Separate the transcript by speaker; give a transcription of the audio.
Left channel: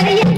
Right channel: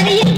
Speaker 1: அறிய